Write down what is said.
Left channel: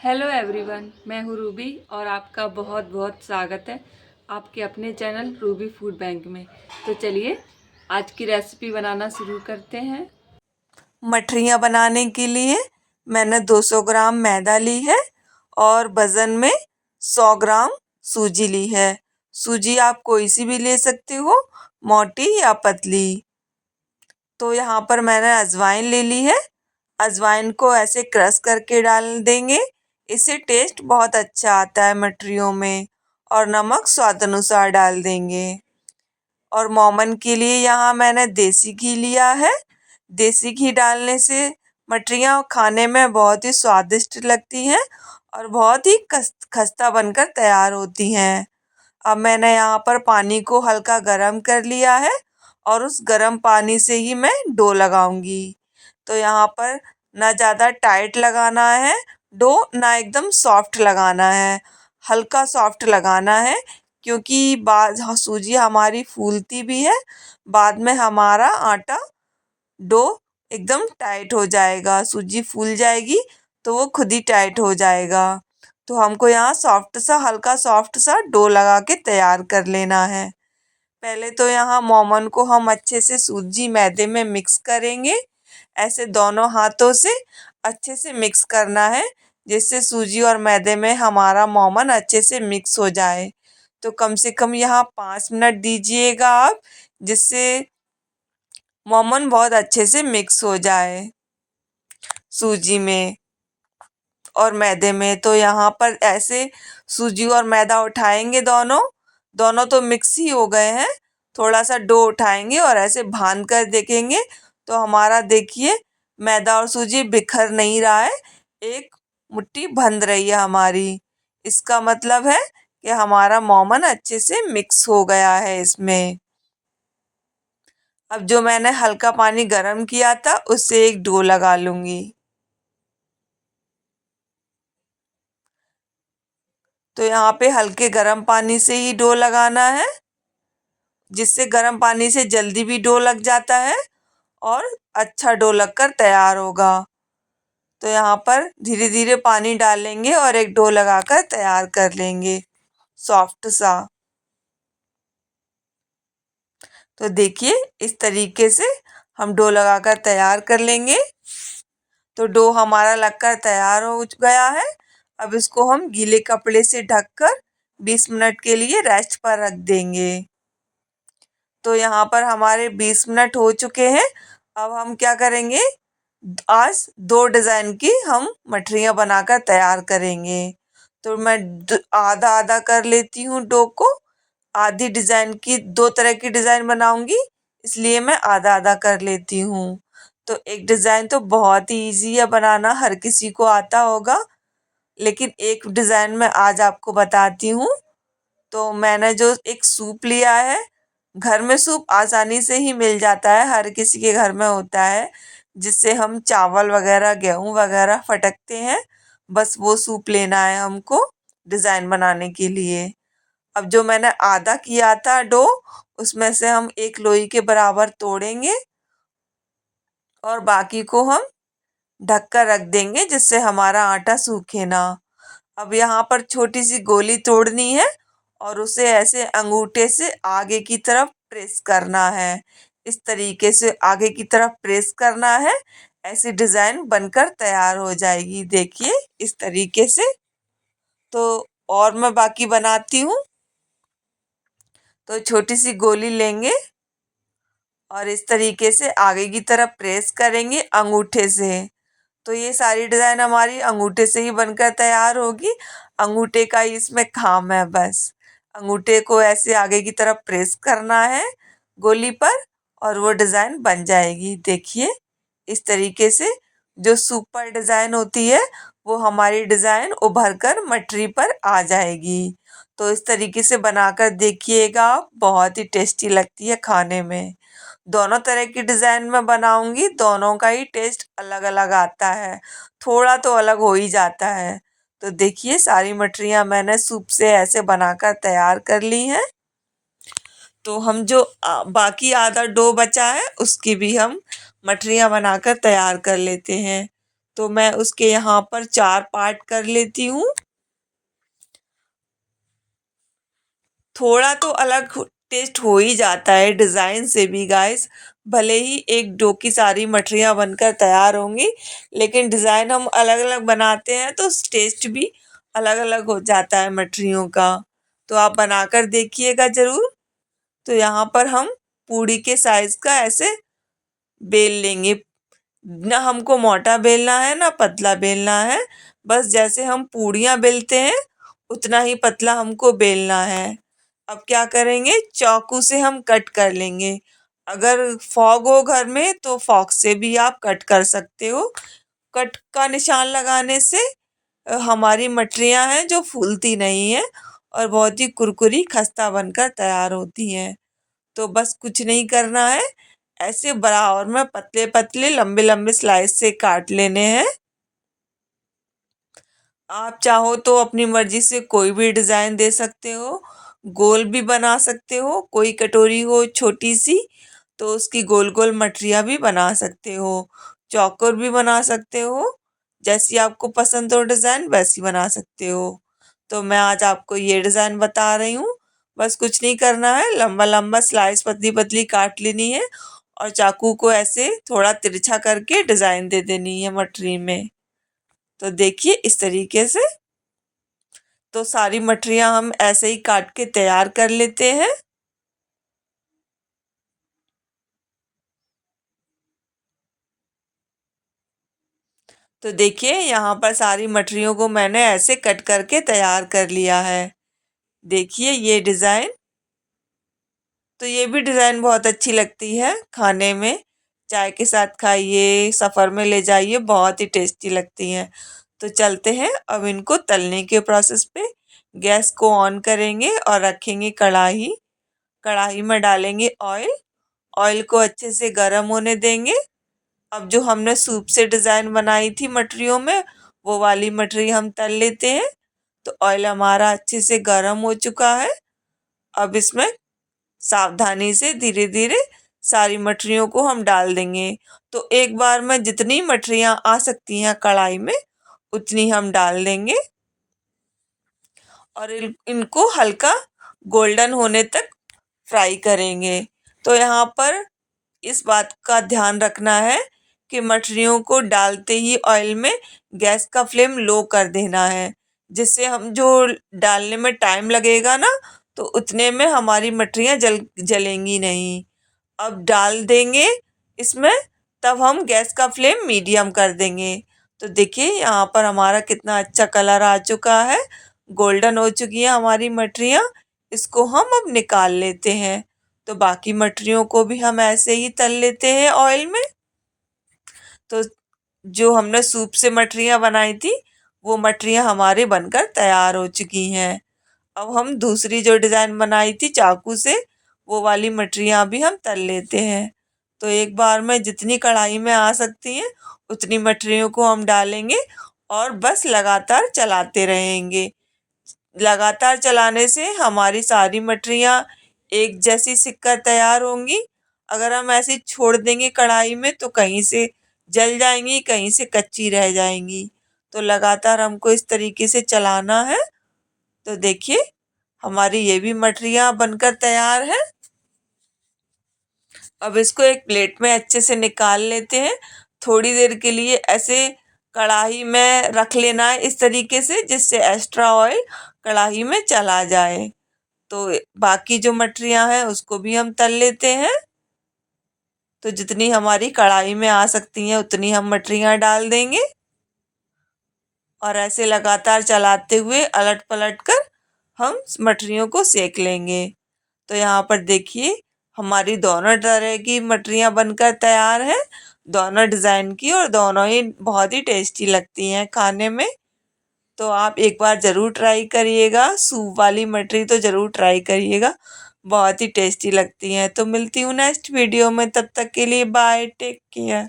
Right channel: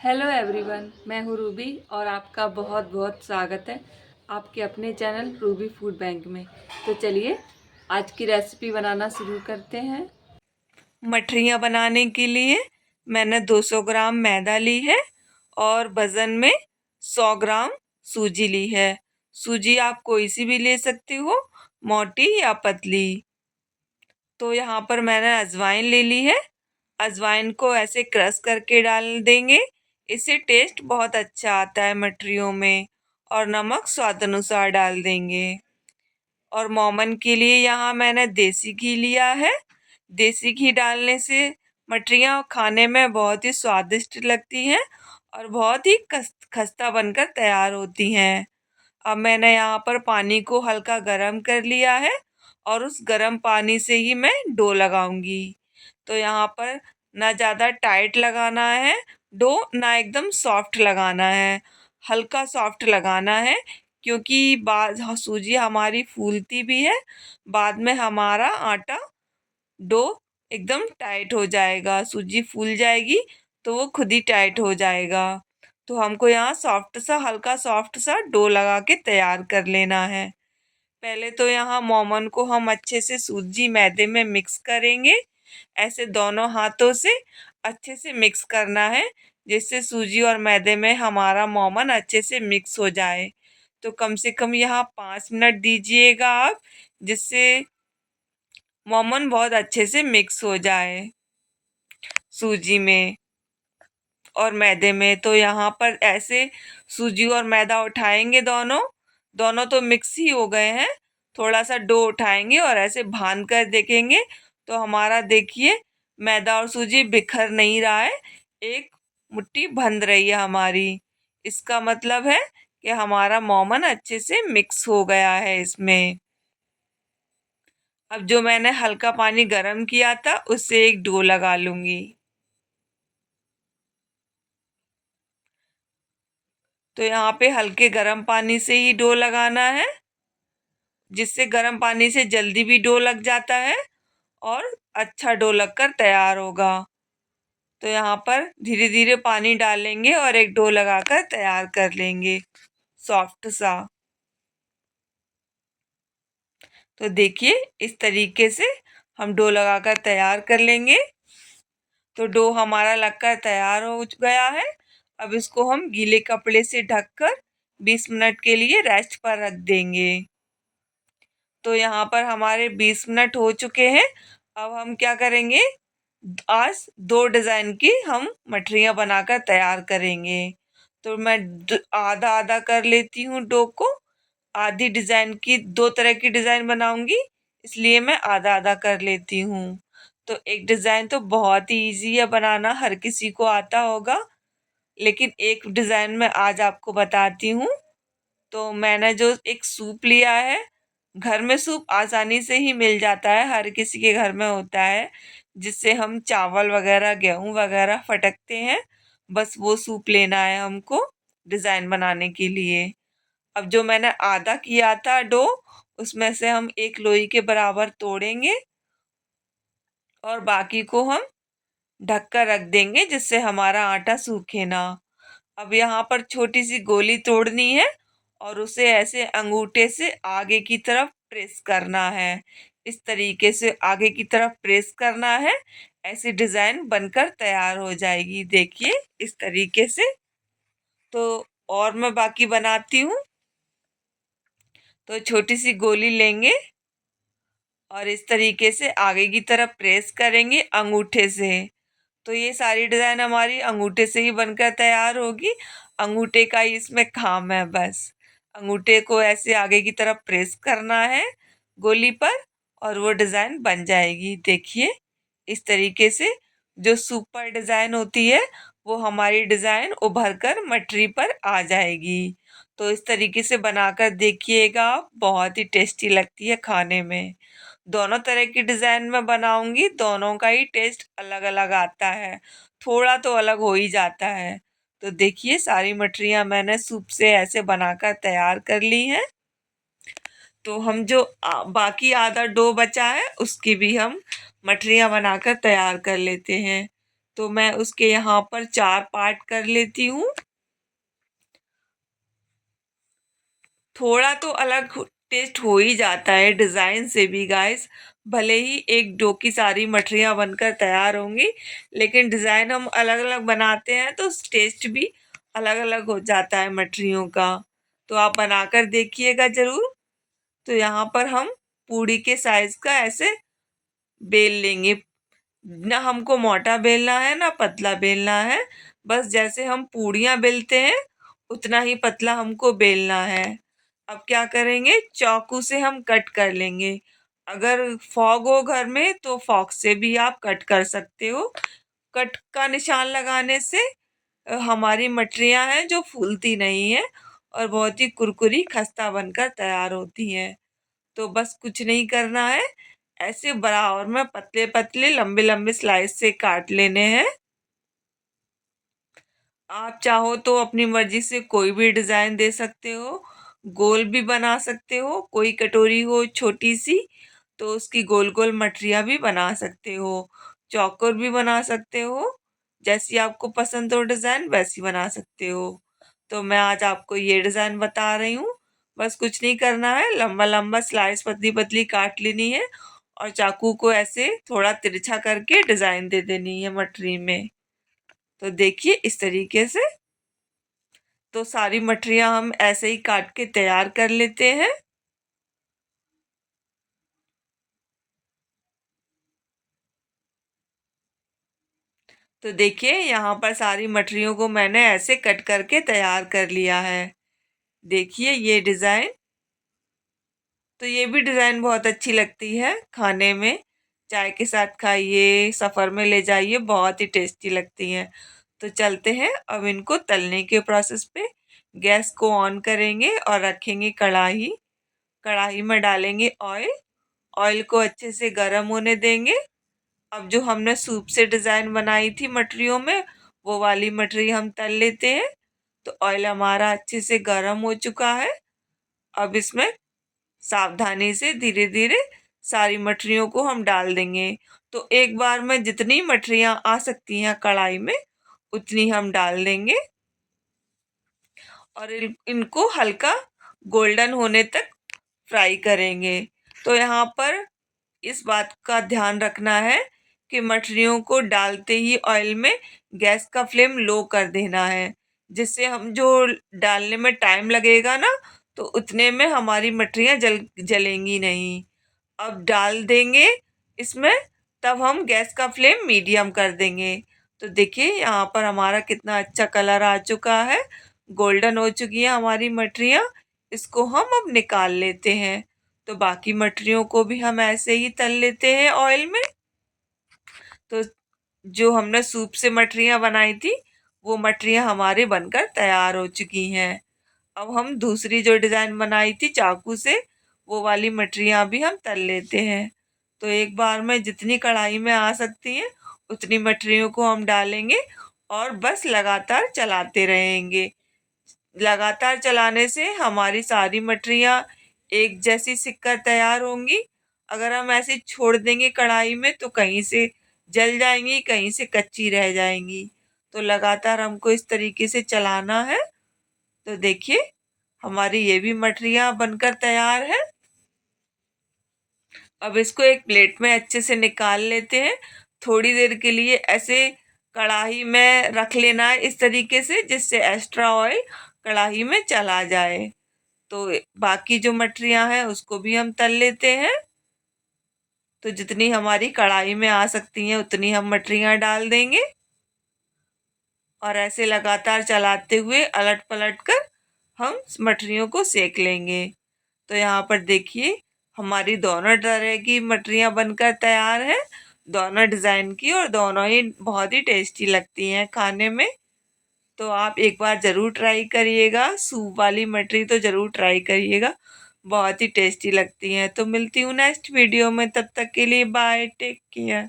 Hello everyone, मैं हूँ Ruby और आपका बहुत बहुत स्वागत है आपके अपने चैनल रूबी फूड बैंक में। तो चलिए आज की रेसिपी बनाना शुरू करते हैं। मठरियाँ बनाने के लिए मैंने 200 ग्राम मैदा ली है और वज़न में 100 ग्राम सूजी ली है। सूजी आप कोई सी भी ले सकते हो, मोटी या पतली। तो यहाँ पर मैंने अजवाइन ले ली है। अजवाइन को ऐसे क्रश करके डाल देंगे, इससे टेस्ट बहुत अच्छा आता है मठरियों में। और नमक स्वाद अनुसार डाल देंगे। और मोमन के लिए यहाँ मैंने देसी घी लिया है। देसी घी डालने से मठरियाँ खाने में बहुत ही स्वादिष्ट लगती हैं और बहुत ही खस्ता बनकर तैयार होती हैं। अब मैंने यहाँ पर पानी को हल्का गरम कर लिया है और उस गरम पानी से ही मैं डो लगाऊंगी। तो यहाँ पर ना ज़्यादा टाइट लगाना है डो, ना एकदम सॉफ्ट लगाना है, हल्का सॉफ्ट लगाना है, क्योंकि सूजी हमारी फूलती भी है। बाद में हमारा आटा डो एकदम टाइट हो जाएगा, सूजी फूल जाएगी तो वो खुद ही टाइट हो जाएगा। तो हमको यहाँ सॉफ्ट सा, हल्का सॉफ्ट सा डो लगा के तैयार कर लेना है। पहले तो यहाँ मोमन को हम अच्छे से सूजी मैदे में मिक्स करेंगे। ऐसे दोनों हाथों से अच्छे से मिक्स करना है, जिससे सूजी और मैदे में हमारा मोमन अच्छे से मिक्स हो जाए। तो कम से कम यहाँ 5 मिनट दीजिएगा आप, जिससे मोमन बहुत अच्छे से मिक्स हो जाए सूजी में और मैदे में। तो यहाँ पर ऐसे सूजी और मैदा उठाएंगे, दोनों दोनों तो मिक्स ही हो गए हैं। थोड़ा सा डो उठाएंगे और ऐसे भान कर देखेंगे तो हमारा देखिए मैदा और सूजी बिखर नहीं रहा है, एक मुट्ठी बंध रही है हमारी। इसका मतलब है कि हमारा मोमन अच्छे से मिक्स हो गया है इसमें। अब जो मैंने हल्का पानी गरम किया था उससे एक डो लगा लूंगी। तो यहाँ पे हल्के गरम पानी से ही डो लगाना है, जिससे गरम पानी से जल्दी भी डो लग जाता है और अच्छा डो लगकर तैयार होगा। तो यहाँ पर धीरे धीरे पानी डालेंगे और एक डो लगाकर तैयार कर लेंगे सॉफ्ट सा। तो देखिए इस तरीके से हम डो लगाकर तैयार कर लेंगे। तो डो हमारा लगकर तैयार हो गया है। अब इसको हम गीले कपड़े से ढककर 20 मिनट के लिए रेस्ट पर रख देंगे। तो यहाँ पर हमारे 20 मिनट हो चुके हैं। अब हम क्या करेंगे, आज 2 डिज़ाइन की हम मठरियाँ बनाकर तैयार करेंगे। तो मैं आधा आधा कर लेती हूँ डो को। आधी डिज़ाइन की 2 तरह की डिज़ाइन बनाऊंगी, इसलिए मैं आधा आधा कर लेती हूँ। तो एक डिज़ाइन तो बहुत ही ईजी है बनाना, हर किसी को आता होगा, लेकिन एक डिज़ाइन मैं आज आपको बताती हूँ। तो मैंने जो एक सूप लिया है, घर में सूप आसानी से ही मिल जाता है, हर किसी के घर में होता है, जिससे हम चावल वगैरह गेहूँ वगैरह फटकते हैं। बस वो सूप लेना है हमको डिज़ाइन बनाने के लिए। अब जो मैंने आधा किया था डो, उसमें से हम 1 लोई के बराबर तोड़ेंगे और बाकी को हम ढक कर रख देंगे, जिससे हमारा आटा सूखे ना। अब यहाँ पर छोटी सी गोली तोड़नी है और उसे ऐसे अंगूठे से आगे की तरफ प्रेस करना है। इस तरीके से आगे की तरफ प्रेस करना है, ऐसी डिज़ाइन बनकर तैयार हो जाएगी। देखिए इस तरीके से। तो और मैं बाकी बनाती हूँ। तो छोटी सी गोली लेंगे और इस तरीके से आगे की तरफ प्रेस करेंगे अंगूठे से। तो ये सारी डिज़ाइन हमारी अंगूठे से ही बनकर तैयार होगी। अंगूठे का ही इसमें काम है बस। अंगूठे को ऐसे आगे की तरफ प्रेस करना है गोली पर और वो डिज़ाइन बन जाएगी। देखिए इस तरीके से जो सुपर डिज़ाइन होती है वो हमारी डिज़ाइन उभर कर मटरी पर आ जाएगी। तो इस तरीके से बनाकर देखिएगा आप, बहुत ही टेस्टी लगती है खाने में। दोनों तरह की डिज़ाइन में बनाऊंगी, दोनों का ही टेस्ट अलग अलग आता है, थोड़ा तो अलग हो ही जाता है। तो देखिए सारी मठरियाँ मैंने सूप से ऐसे बनाकर तैयार कर ली हैं। तो हम जो बाकी आधा डो बचा है उसकी भी हम मठरियाँ बनाकर तैयार कर लेते हैं। तो मैं उसके यहाँ पर 4 पार्ट कर लेती हूँ। थोड़ा तो अलग टेस्ट हो ही जाता है डिज़ाइन से भी गाइस। भले ही एक डो की सारी मठरियाँ बनकर तैयार होंगी, लेकिन डिज़ाइन हम अलग-अलग बनाते हैं तो टेस्ट भी अलग-अलग हो जाता है मठरियों का। तो आप बनाकर देखिएगा ज़रूर। तो यहाँ पर हम पूड़ी के साइज़ का ऐसे बेल लेंगे। ना हमको मोटा बेलना है ना पतला बेलना है, बस जैसे हम पूड़ियाँ बेलते हैं उतना ही पतला हमको बेलना है। अब क्या करेंगे, चाकू से हम कट कर लेंगे। अगर फॉग हो घर में तो फॉग से भी आप कट कर सकते हो। कट का निशान लगाने से हमारी मठरियाँ हैं जो फूलती नहीं है और बहुत ही कुरकुरी खस्ता बनकर तैयार होती हैं। तो बस कुछ नहीं करना है, ऐसे बराबर में पतले पतले लंबे लंबे स्लाइस से काट लेने हैं। आप चाहो तो अपनी मर्जी से कोई भी डिज़ाइन दे सकते हो, गोल भी बना सकते हो। कोई कटोरी हो छोटी सी तो उसकी गोल गोल मठरियाँ भी बना सकते हो, चौकोर भी बना सकते हो। जैसी आपको पसंद हो डिज़ाइन वैसी बना सकते हो। तो मैं आज आपको ये डिज़ाइन बता रही हूँ। बस कुछ नहीं करना है, लंबा लंबा स्लाइस पतली पतली काट लेनी है और चाकू को ऐसे थोड़ा तिरछा करके डिज़ाइन दे देनी है मठरी में। तो देखिए इस तरीके से। तो सारी मठरियाँ हम ऐसे ही काट के तैयार कर लेते हैं। तो देखिए यहाँ पर सारी मठरियों को मैंने ऐसे कट करके तैयार कर लिया है। देखिए ये डिज़ाइन, तो ये भी डिज़ाइन बहुत अच्छी लगती है खाने में। चाय के साथ खाइए, सफ़र में ले जाइए, बहुत ही टेस्टी लगती हैं। तो चलते हैं अब इनको तलने के प्रोसेस पे। गैस को ऑन करेंगे और रखेंगे कढ़ाई। कढ़ाई में डालेंगे ऑयल। ऑयल को अच्छे से गर्म होने देंगे। अब जो हमने सूप से डिज़ाइन बनाई थी मठरियों में, वो वाली मठरी हम तल लेते हैं। तो ऑयल हमारा अच्छे से गर्म हो चुका है। अब इसमें सावधानी से धीरे धीरे सारी मठरियों को हम डाल देंगे। तो एक बार में जितनी मठरियाँ आ सकती हैं कढ़ाई में उतनी हम डाल देंगे और इनको हल्का गोल्डन होने तक फ्राई करेंगे। तो यहाँ पर इस बात का ध्यान रखना है कि मठरियों को डालते ही ऑयल में गैस का फ्लेम लो कर देना है, जिससे हम जो डालने में टाइम लगेगा ना तो उतने में हमारी मठरियाँ जलेंगी नहीं। अब डाल देंगे इसमें, तब हम गैस का फ्लेम मीडियम कर देंगे। तो देखिए यहाँ पर हमारा कितना अच्छा कलर आ चुका है, गोल्डन हो चुकी है हमारी मठरियाँ। इसको हम अब निकाल लेते हैं। तो बाकी मठरियों को भी हम ऐसे ही तल लेते हैं ऑयल में। तो जो हमने सूप से मठरियाँ बनाई थी वो मठरियाँ हमारी बनकर तैयार हो चुकी हैं। अब हम दूसरी जो डिज़ाइन बनाई थी चाकू से, वो वाली मठरियाँ भी हम तल लेते हैं। तो एक बार में जितनी कढ़ाई में आ सकती हैं उतनी मठरियों को हम डालेंगे और बस लगातार चलाते रहेंगे। लगातार चलाने से हमारी सारी मठरियाँ एक जैसी सिककर तैयार होंगी। अगर हम ऐसे छोड़ देंगे कढ़ाई में तो कहीं से जल जाएंगी, कहीं से कच्ची रह जाएंगी। तो लगातार हमको इस तरीके से चलाना है। तो देखिए हमारी ये भी मठरियाँ बनकर तैयार है। अब इसको एक प्लेट में अच्छे से निकाल लेते हैं। थोड़ी देर के लिए ऐसे कढ़ाई में रख लेना है इस तरीके से, जिससे एक्स्ट्रा ऑयल कढ़ाई में चला जाए। तो बाकी जो मठरियाँ हैं उसको भी हम तल लेते हैं। तो जितनी हमारी कढ़ाई में आ सकती हैं उतनी हम मठरियाँ डाल देंगे और ऐसे लगातार चलाते हुए अलट पलट कर हम मठरियों को सेक लेंगे। तो यहाँ पर देखिए हमारी दोनों तरह की मठरियाँ बनकर तैयार हैं, दोनों डिज़ाइन की, और दोनों ही बहुत ही टेस्टी लगती हैं खाने में। तो आप एक बार ज़रूर ट्राई करिएगा, सूप वाली मठरी तो ज़रूर ट्राई करिएगा, बहुत ही टेस्टी लगती हैं। तो मिलती हूँ नेक्स्ट वीडियो में, तब तक के लिए बाय, टेक केयर।